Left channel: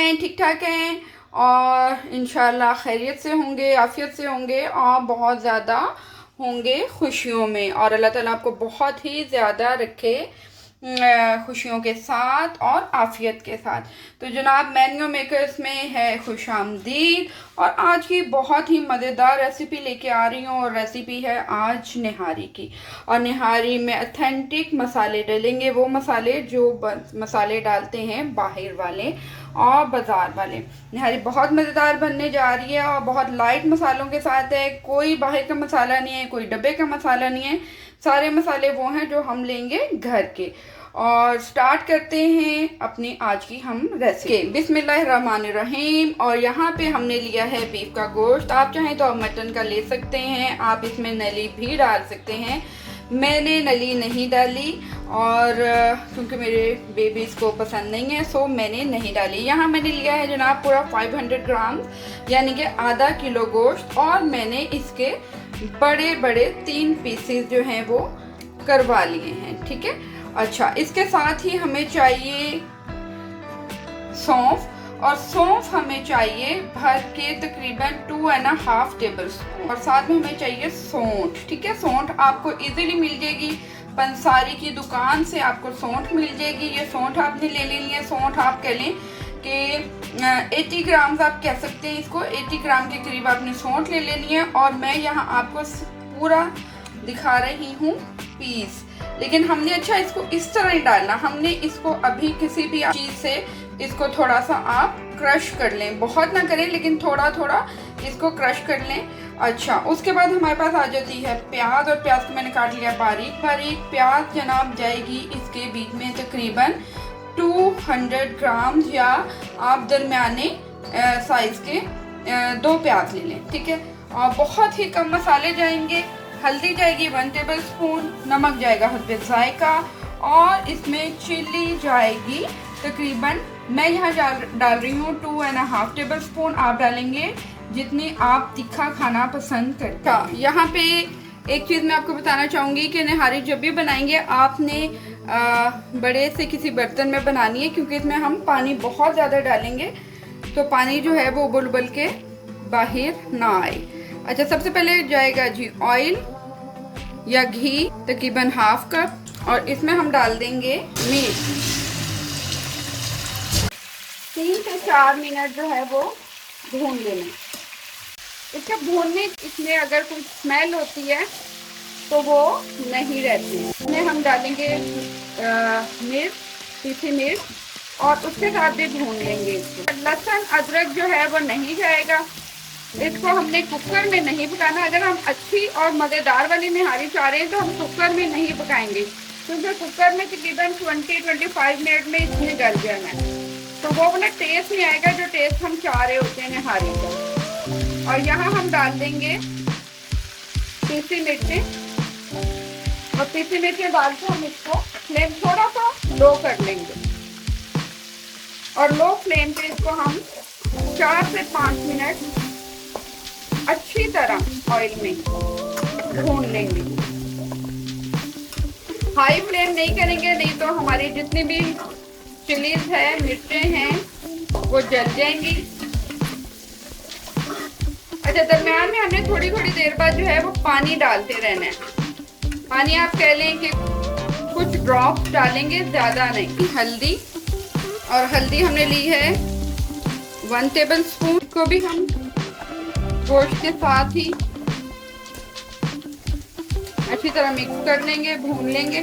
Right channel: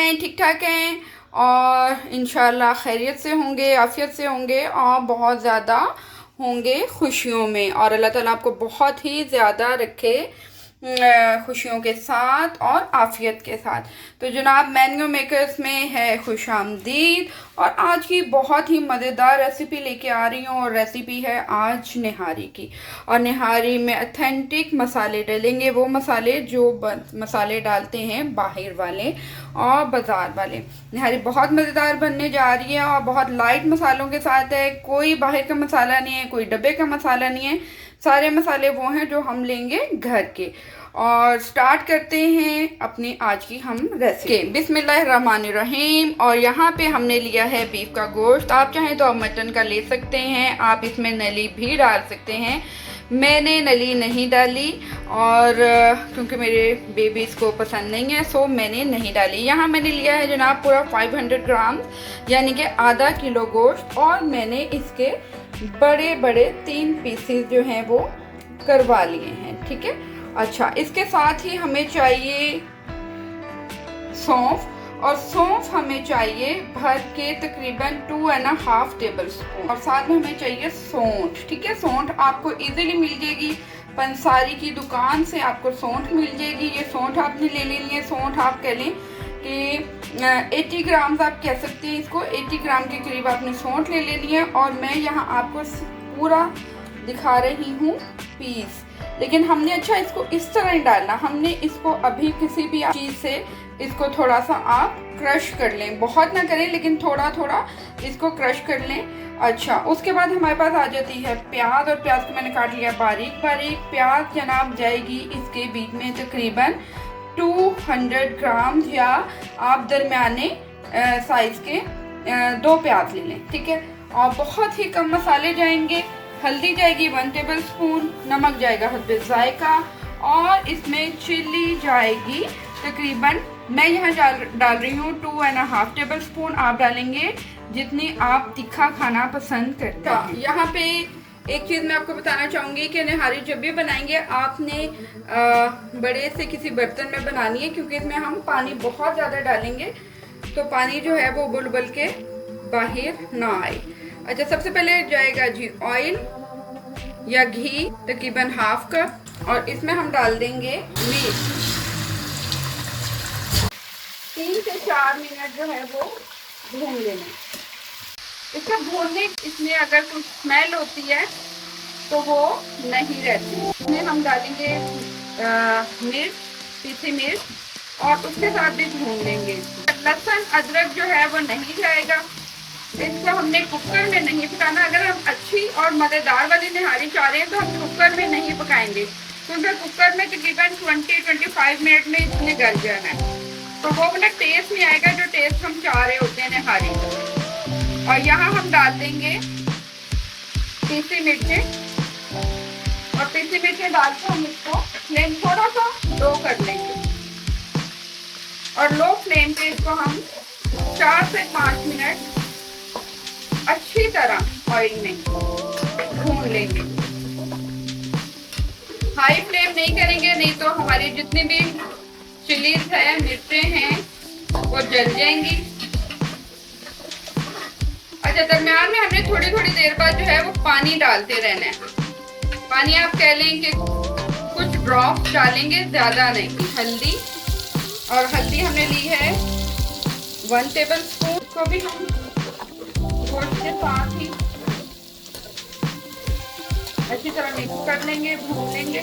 हैं? ठीक ठाक हैं और इंशाल्लाह खैरियत से होंगे, आफियत से होंगे और बहुत ज़्यादा होंगे खुशियों में। और अल्लाह ताला आपको बहुत ही ज़्यादा रखे खुशियों के साथ और आफियत के साथ। तो जनाब मैंगो मेकर्स में है खुशामदीद और आज की बहुत ही मज़ेदार रेसिपी लेके आ रही हूँ। और रेसिपी है आज निहारी की। और निहारी में अथेंटिक मसाले डलेंगे, वो मसाले जो मसाले डालते हैं बाहर वाले और बाज़ार वाले। निहारी बहुत मज़ेदार बनने जा रही है और बहुत लाइट मसालों के साथ है। कोई बाहर का मसाला नहीं है, कोई डब्बे का मसाला नहीं है, सारे मसाले वो हैं जो हम लेंगे घर के। और स्टार्ट करते हैं अपनी आज की हम रेसिपी। बिस्मिल्लाहिर्रहमानिर्रहीम। और यहाँ पे हमने लिया है बीफ का गोश्त। आप चाहें तो आप मटन का ले सकते हैं, आप इसमें नली भी डाल सकते हैं। मैंने नली नहीं डाली और क्योंकि मेरे बेबीज़ को पसंद नहीं है सो मैंने नहीं डाली। यहाँ मैंने लिया है जनाब पूरा 500 ग्राम यानी कि आधा किलो गोश्त। और मैंने इसके बड़े बड़े 3 पीसेस जो हैं वो करवा लिए हैं। ठीक है। अच्छा, इसके साथ ही हमें चाहिए सौंफ। और सौंफ हमें चाहिए भर के तकरीबन 2.5 टेबल स्पून। और साथ में हमें चाहिए सौंठ। ठीक है। सौंठ आपको इजीली मिल जाएगी, पंसारी की दुकान से आपको सौंठ मिल जाएगी। ये सौंठ आपने ले लेनी है। सौंठ आप कह लें कि 80 ग्राम आप कह सकते हैं इसको। 80 ग्राम के करीब आपने सौंठ ले लेनी है। और मैं यहाँ आपको पूरा दिखा रही हूँ पीस, लेकिन हमने अच्छा इसको इस तरह नहीं डालना। हमने इसको अभी किसी भी चीज़ से इसको थोड़ा सा आप क्रश कर लें, बहुत ना करें लेकिन थोड़ा थोड़ा इसको क्रश कर लें। अच्छा, उसके बाद हमारे पास आ जाती है प्याज। और प्याज को मैंने काट लिया बारीक बारीक। प्याज जनाब जाएगी इसके बीच में तकरीबन 200 ग्राम या आप दरमियाने साइज़ के 2 प्याज ले लें। ठीक है। और बहुत ही कम मसाले जाएंगे। हल्दी जाएगी 1 टेबल स्पून, नमक जाएगा हस्बे जायका और इसमें चिल्ली जाएगी तकरीबन मैं यहाँ डाल रही हूँ 2.5 टेबल स्पून। आप डालेंगे जितनी आप तीखा खाना पसंद करते हैं। यहाँ पे एक चीज़ मैं आपको बताना चाहूँगी कि निहारी जब भी बनाएंगे आपने बड़े से किसी बर्तन में बनानी है, क्योंकि इसमें हम पानी बहुत ज़्यादा डालेंगे तो पानी जो है वो उबल उबल के बाहर ना आए। अच्छा, सबसे पहले जाएगा जी ऑयल या घी तकरीबन 1/2 कप। और इसमें हम डाल देंगे मिर्च। 3 से 4 मिनट जो है वो भून लेना। इसके भूनने इसमें अगर कुछ स्मेल होती है तो वो नहीं रहती। इसमें हम डालेंगे मिर्च, पीसी मिर्च और उसके साथ भी भून लेंगे। लहसुन अदरक जो है वो नहीं जाएगा। इसको हमने कुकर में नहीं पकाना। अगर हम अच्छी और मज़ेदार वाली निहारी चाह रहे हैं तो हम कुकर में नहीं पकाएंगे, क्योंकि कुकर में तकरीबन 20-25 मिनट में इसने गल जाना है, तो वो वाला टेस्ट नहीं आएगा जो टेस्ट हम चाह रहे होते हैं निहारी का। और यहाँ हम डाल देंगे पीसी मिर्चें। और पीसी मिर्चें डाल के हम इसको फ्लेम थोड़ा सा लो कर लेंगे। और लो फ्लेम पे इसको हम 4 से 5 मिनट अच्छी तरह ऑयल में भून लेंगे। हाई फ्लेम नहीं करेंगे, नहीं तो हमारी जितनी भी चिलीज है, मिर्चें हैं, वो जल जाएंगी। अच्छा, दरमियान में हमने थोड़ी थोड़ी देर बाद जो है वो पानी डालते रहना है। पानी आप कह लें कि कुछ ड्रॉप डालेंगे, ज़्यादा नहीं। हल्दी, और हल्दी हमने ली है 1 टेबल स्पून। को भी हम गोश्त के साथ ही अच्छी तरह मिक्स कर लेंगे, भून लेंगे।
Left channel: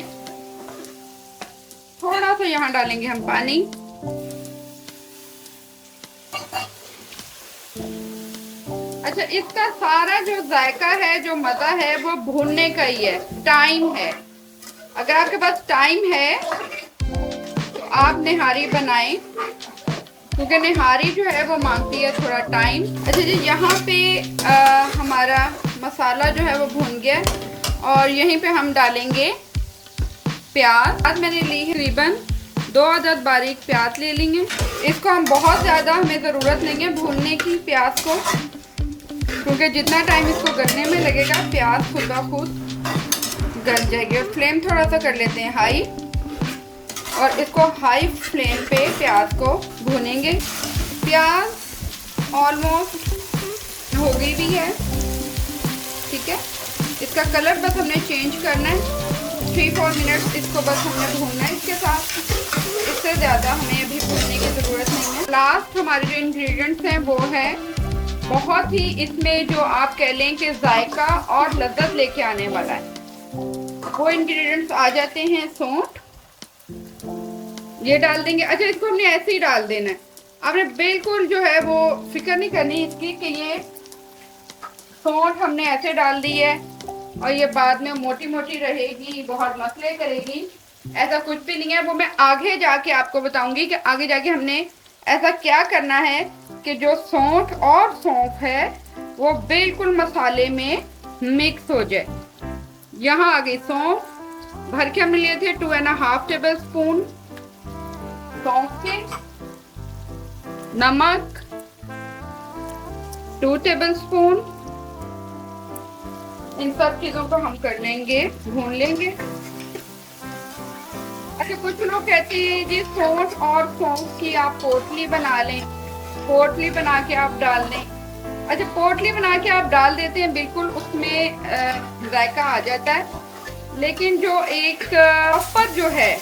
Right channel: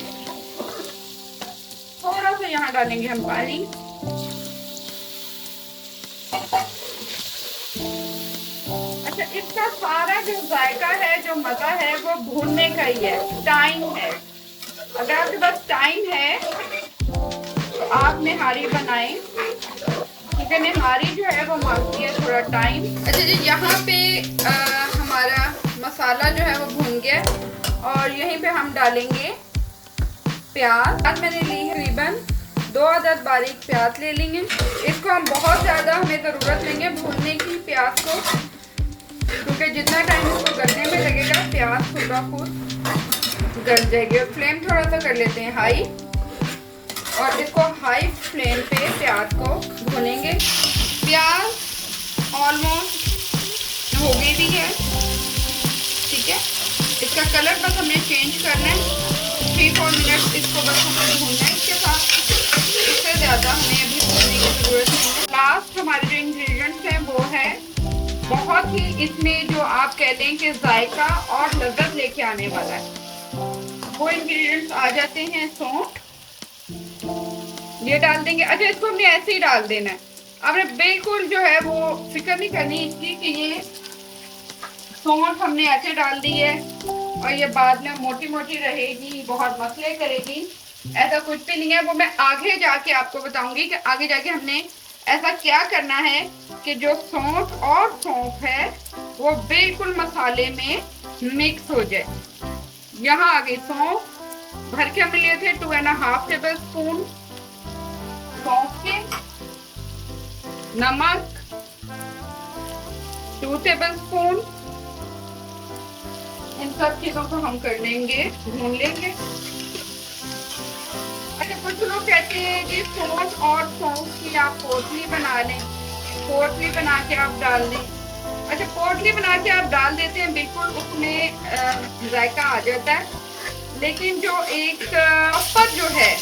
थोड़ा सा यहाँ डालेंगे हम पानी। अच्छा, इसका सारा जो जायका है, जो मज़ा है, वो भूनने का ही है, टाइम है। अगर आपके पास टाइम है तो आप निहारी बनाएं, क्योंकि निहारी जो है वो मांगती है थोड़ा टाइम। अच्छा जी, यहाँ पे हमारा मसाला जो है वो भून गया। और यहीं पे हम डालेंगे प्याज। आज मैंने ली है तकरीबन 2 अदद बारीक प्याज ले लेंगे। इसको हम बहुत ज़्यादा हमें ज़रूरत नहीं है भूनने की प्याज को, क्योंकि जितना टाइम इसको करने में लगेगा प्याज खुद ब खुद गल जाएगी। और फ्लेम थोड़ा सा कर लेते हैं हाई। और इसको हाई फ्लेम पे प्याज को भूनेंगे। कलर बस हमने चेंज करना है। 3-4 मिनट इसको बस हमें भूनना है इसके साथ, इससे ज़्यादा हमें अभी भूनने की ज़रूरत नहीं है। लास्ट हमारे जो इंग्रेडिएंट्स हैं वो है बहुत ही, इसमें जो आप कह लें कि जायका और लज़्ज़त लेके आने वाला है, वो इंग्रेडिएंट्स आ जाते हैं। सौंठ ये डाल देंगे। अच्छा, इसको हमने ऐसे ही डाल देना है, आपने बिल्कुल जो है वो फिक्र नहीं करनी इसकी कि ये सौंठ हमने ऐसे डाल दी है और ये बाद में मोटी मोटी रहेगी, बहुत मसले करेगी, ऐसा कुछ भी नहीं है। वो मैं आगे जाके आपको बताऊंगी कि आगे जाके हमने ऐसा क्या करना है कि जो सौंठ और सौंफ है वो बिल्कुल मसाले में मिक्स हो जाए। यहाँ आ गई सौंफ, भर के हमने लिए थे 2.5 टेबल स्पून सौंफ के, नमक 2 टेबल स्पून, इन सब चीजों को हम कर लेंगे, भून लेंगे। अच्छा, कुछ लोग कहते हैं जी सौंठ और सौंफ की आप पोटली बना लें, पोटली बना के आप डाल दें। अच्छा, पोटली बना के आप डाल देते हैं, बिल्कुल उसमें जायका आ जाता है, लेकिन जो एक प्रॉपर जो है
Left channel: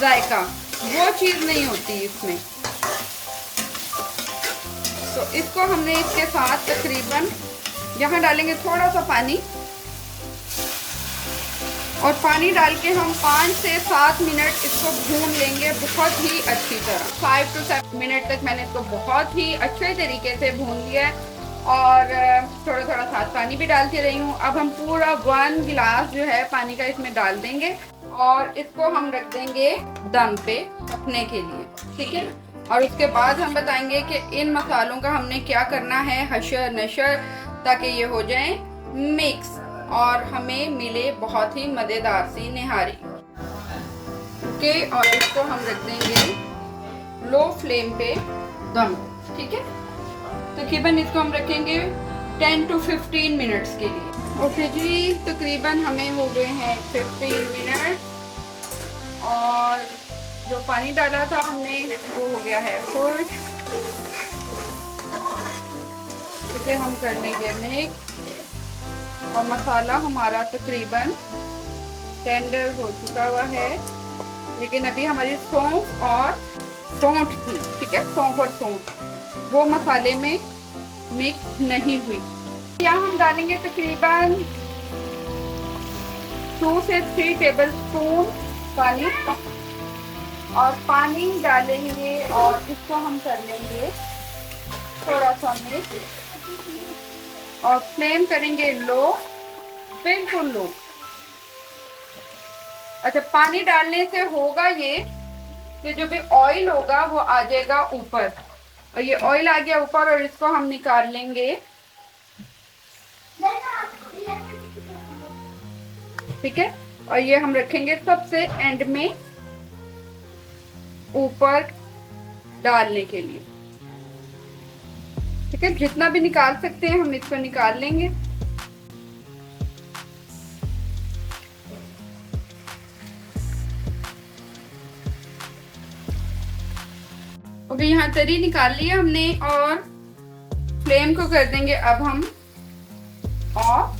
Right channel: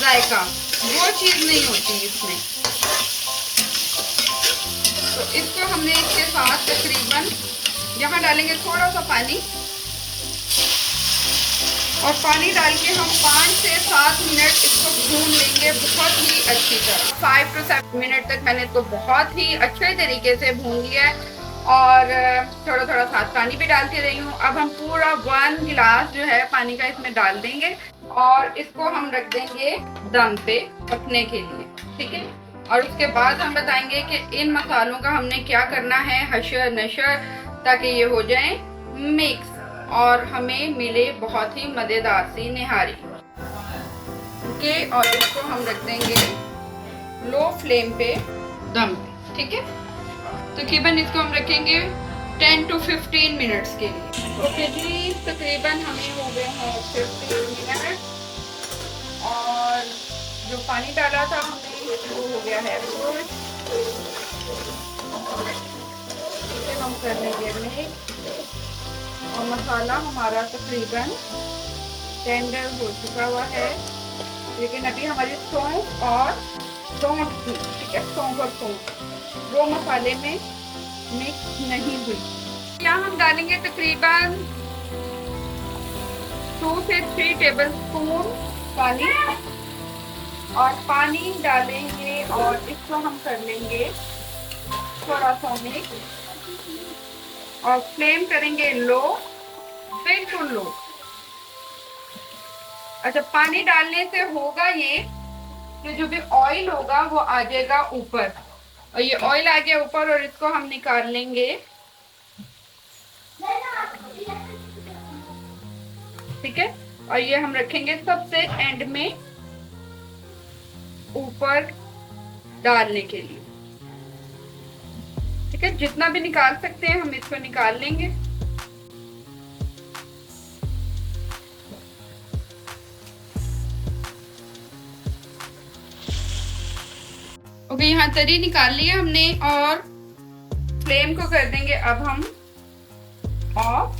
जायका वो चीज़ नहीं होती इसमें। तो इसको हमने इसके साथ तकरीबन यहाँ डालेंगे थोड़ा सा पानी, और पानी डाल के हम 5 से 7 मिनट इसको भून लेंगे बहुत ही अच्छी तरह। 5 to 7 मिनट तक मैंने इसको बहुत ही अच्छे तरीके से भून लिया है, और थोड़ा थोड़ा साथ पानी भी डालती रही हूँ। अब हम पूरा 1 गिलास जो है पानी का इसमें डाल देंगे और इसको हम रख देंगे दम पे पकने के लिए, ठीक है। और उसके बाद हम बताएंगे कि इन मसालों का हमने क्या करना है, हशर नशर, ताकि ये हो जाए मिक्स और हमें मिले बहुत ही मज़ेदार सी निहारी। ओके, और इसको हम रख देंगे लो फ्लेम पे दम, ठीक है। तकरीबन इसको हम रखेंगे 10 to 15 मिनट्स के लिए। ओके जी, तकरीबन हमें हो गए हैं 15 मिनट, और जो पानी डाला था हमने वो हो गया है फुल। इसे हम कर लेंगे मिक्स, और मसाला हमारा तकरीबन टेंडर हो चुका हुआ है, लेकिन अभी हमारी सौंफ और सौंठ थी, ठीक है, सौंफ और सौंठ वो मसाले में मिक्स नहीं हुई। यहाँ हम डालेंगे तकरीबन 2 से 3 टेबल स्पून पानी, और पानी डालेंगे और इसको हम कर लेंगे थोड़ा सा मिक्स, और फ्लेम करेंगे लो, बिल्कुल लो। अच्छा, पानी डालने से होगा ये कि जो भी ऑयल होगा वो आ जाएगा ऊपर, और ये ऑयल आ गया ऊपर, और इसको हम निकाल लेंगे, ठीक है। और ये हम रखेंगे सबसे एंड में ऊपर डालने के लिए, ठीक है। जितना भी निकाल सकते हैं हम इसको निकाल लेंगे। ओके, यहाँ तरी निकाल लिया हमने, और फ्लेम को कर देंगे अब हम ऑफ,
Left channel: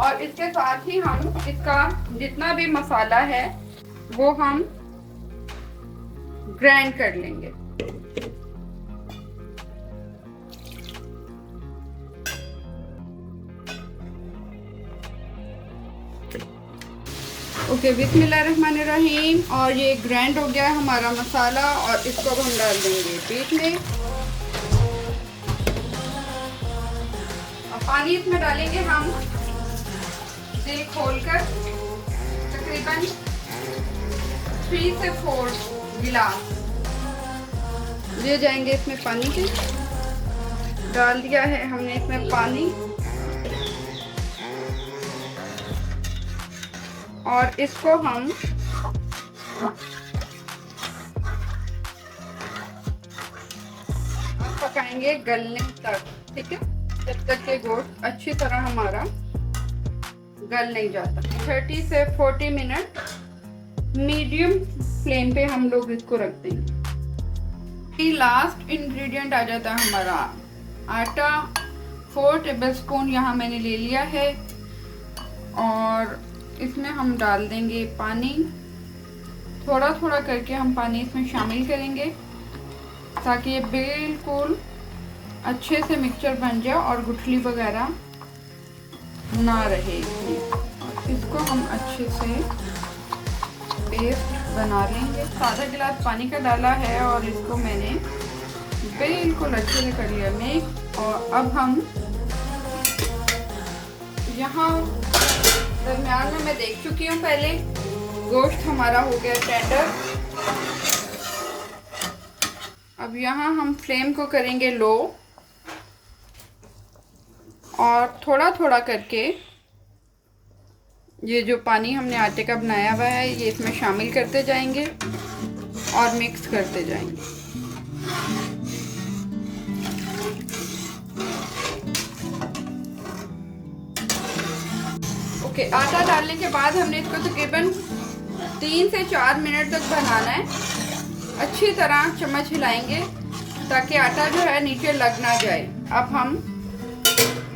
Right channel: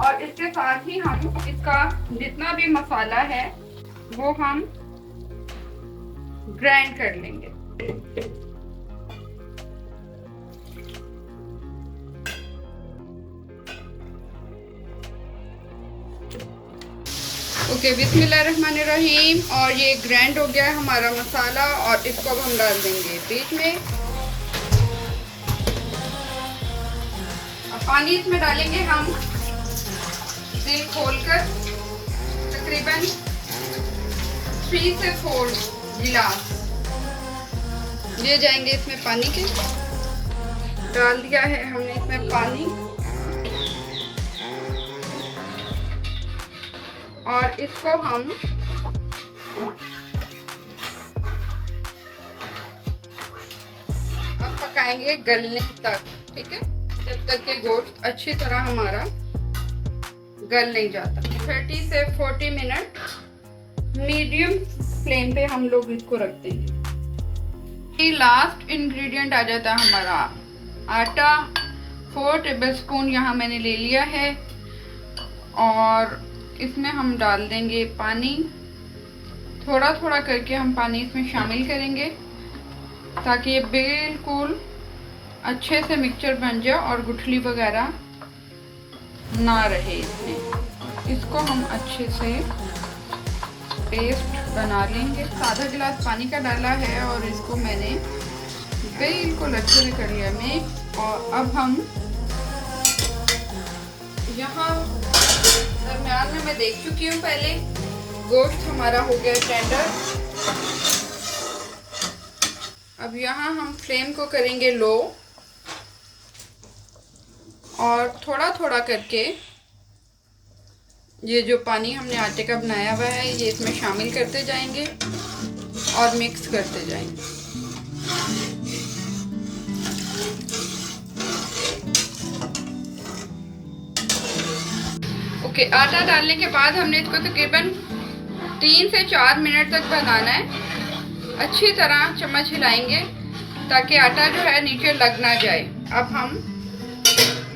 और इसके साथ ही हम इसका जितना भी मसाला है वो हम ग्राइंड कर लेंगे। ओके, बिस्मिल्लाहिर्रहमानिर्रहीम, और ये ग्राइंड हो गया है हमारा मसाला, और इसको हम डाल देंगे बीच में, और पानी इसमें डालेंगे हम दिल खोलकर, तकरीबन 3 से 4 गिलास ले जाएंगे इसमें पानी के। डाल दिया है हमने इसमें पानी, और इसको हम पकाएंगे गलने तक, ठीक है, जब तक के गोश्त अच्छी तरह हमारा गल नहीं जाता। 30 से 40 मिनट मीडियम फ्लेम पे हम लोग इसको रख देंगे। लास्ट इंग्रेडिएंट आ जाता है हमारा आटा। 4 टेबल स्पून यहाँ मैंने ले लिया है, और इसमें हम डाल देंगे पानी। थोड़ा थोड़ा करके हम पानी इसमें शामिल करेंगे ताकि ये बिल्कुल अच्छे से मिक्सचर बन जाए और गुठली वगैरह ना रहे इसमें। इसको हम अच्छे से पेस्ट बना लेंगे। आधा गिलास पानी का डाला है और इसको मैंने बिल्कुल अच्छे से कर लिया मिक्स। और अब हम यहाँ दरमियान में मैं देख चुकी हूँ पहले, गोश्त हमारा हो गया टेंडर। अब यहाँ हम फ्लेम को करेंगे लो और थोड़ा थोड़ा करके ये जो पानी हमने आटे का बनाया हुआ है ये इसमें शामिल करते जाएंगे और मिक्स करते जाएंगे। ओके, आटा डालने के बाद हमने इसको तकरीबन 3 से 4 मिनट तक बनाना है। अच्छी तरह चम्मच हिलाएंगे ताकि आटा जो है नीचे लग ना जाए। अब हम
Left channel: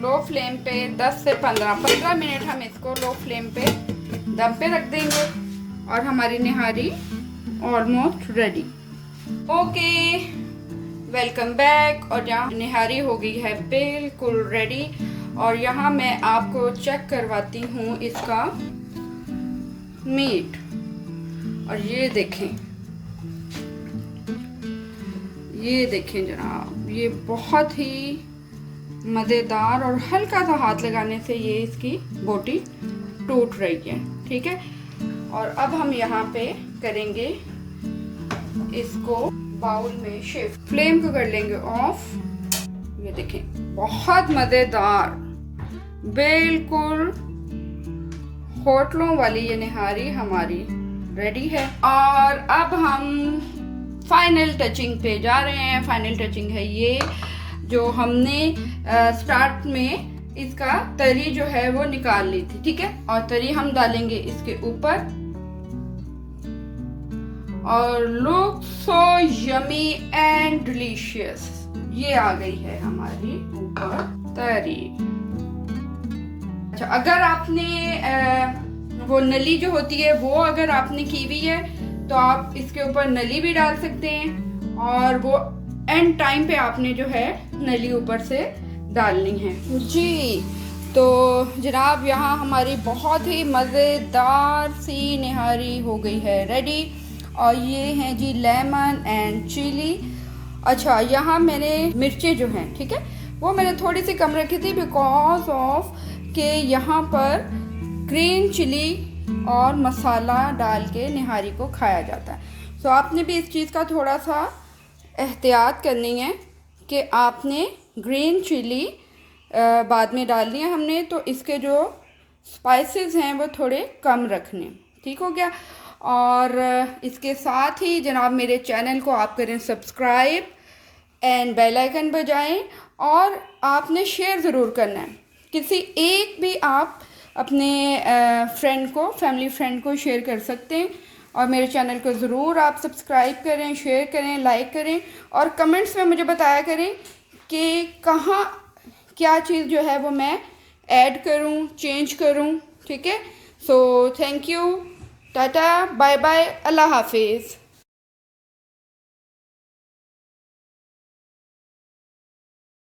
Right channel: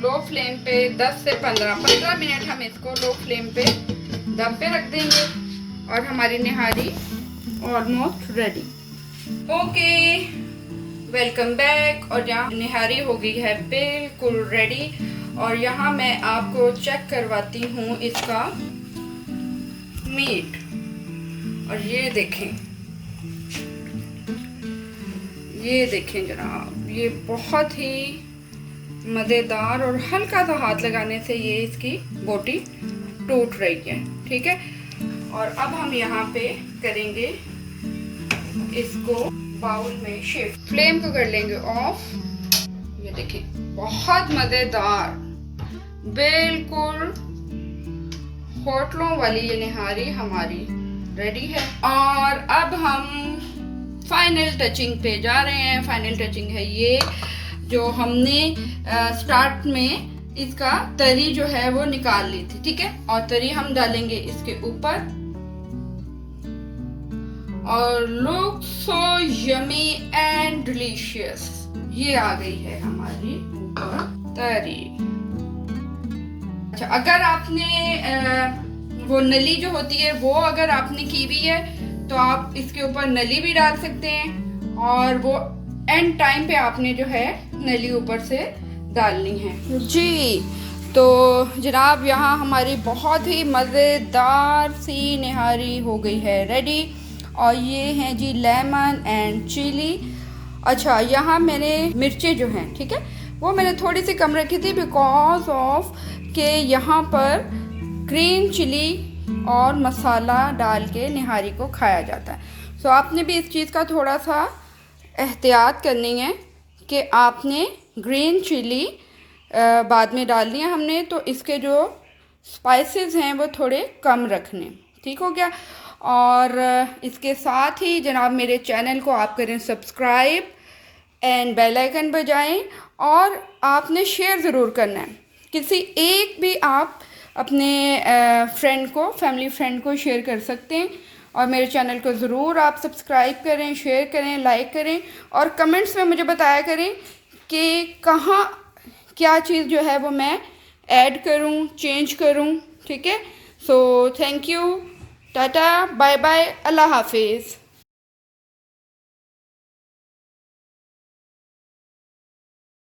लो फ्लेम पे 10 से 15 मिनट हम इसको लो फ्लेम पे दम पे रख देंगे और हमारी nihari almost ready. Okay, welcome back. और यहाँ निहारी हो गई है बिल्कुल रेडी। और यहाँ मैं आपको चेक करवाती हूँ इसका मीट। और ये देखें जनाब, ये बहुत ही मज़ेदार और हल्का सा हाथ लगाने से ये इसकी बोटी टूट रही है। ठीक है, और अब हम यहाँ पे करेंगे इसको बाउल में शिफ्ट। फ्लेम को कर लेंगे ऑफ। ये देखें, बहुत मज़ेदार, बिल्कुल होटलों वाली ये निहारी हमारी रेडी है। और अब हम फाइनल टचिंग पे जा रहे हैं। फाइनल टचिंग है ये जो हमने स्टार्ट में इसका तरी जो है वो निकाल ली थी। ठीक है, और तरी हम डालेंगे इसके ऊपर। और look so yummy and delicious, ये आ गई है हमारी ऊपर तरी। अच्छा, अगर आपने वो नली जो होती है वो अगर आपने की हुई है तो आप इसके ऊपर नली भी डाल सकते हैं और वो एंड टाइम पे आपने जो है नली ऊपर से डालनी है जी। तो जनाब यहाँ हमारी बहुत ही मज़ेदार सी निहारी हो गई है रेडी। और ये हैं जी लेमन एंड चिली। अच्छा, यहाँ मैंने मिर्चें जो हैं, ठीक है, वो मैंने थोड़ी सी कम रखी थी बिकॉज ऑफ के यहाँ पर ग्रीन चिली और मसाला डाल के निहारी को खाया जाता है। सो आपने भी इस चीज़ का थोड़ा सा एहतियात करनी है कि आपने ग्रीन चिली बाद में डालनी है हमने, तो इसके जो स्पाइसेस हैं वो थोड़े कम रखने। ठीक हो गया। और इसके साथ ही जनाब मेरे चैनल को आप करें सब्सक्राइब एंड बेल आइकन बजाएं और आपने शेयर ज़रूर करना है। किसी एक भी आप अपने फ्रेंड को, फैमिली फ्रेंड को शेयर कर सकते हैं। और मेरे चैनल को ज़रूर आप सब्सक्राइब करें, शेयर करें, लाइक करें और कमेंट्स में मुझे बताया करें कि कहाँ क्या चीज़ जो है वो मैं ऐड करूँ, चेंज करूँ। ठीक है, so thank you, tata, bye bye, अल्लाह हाफिज़।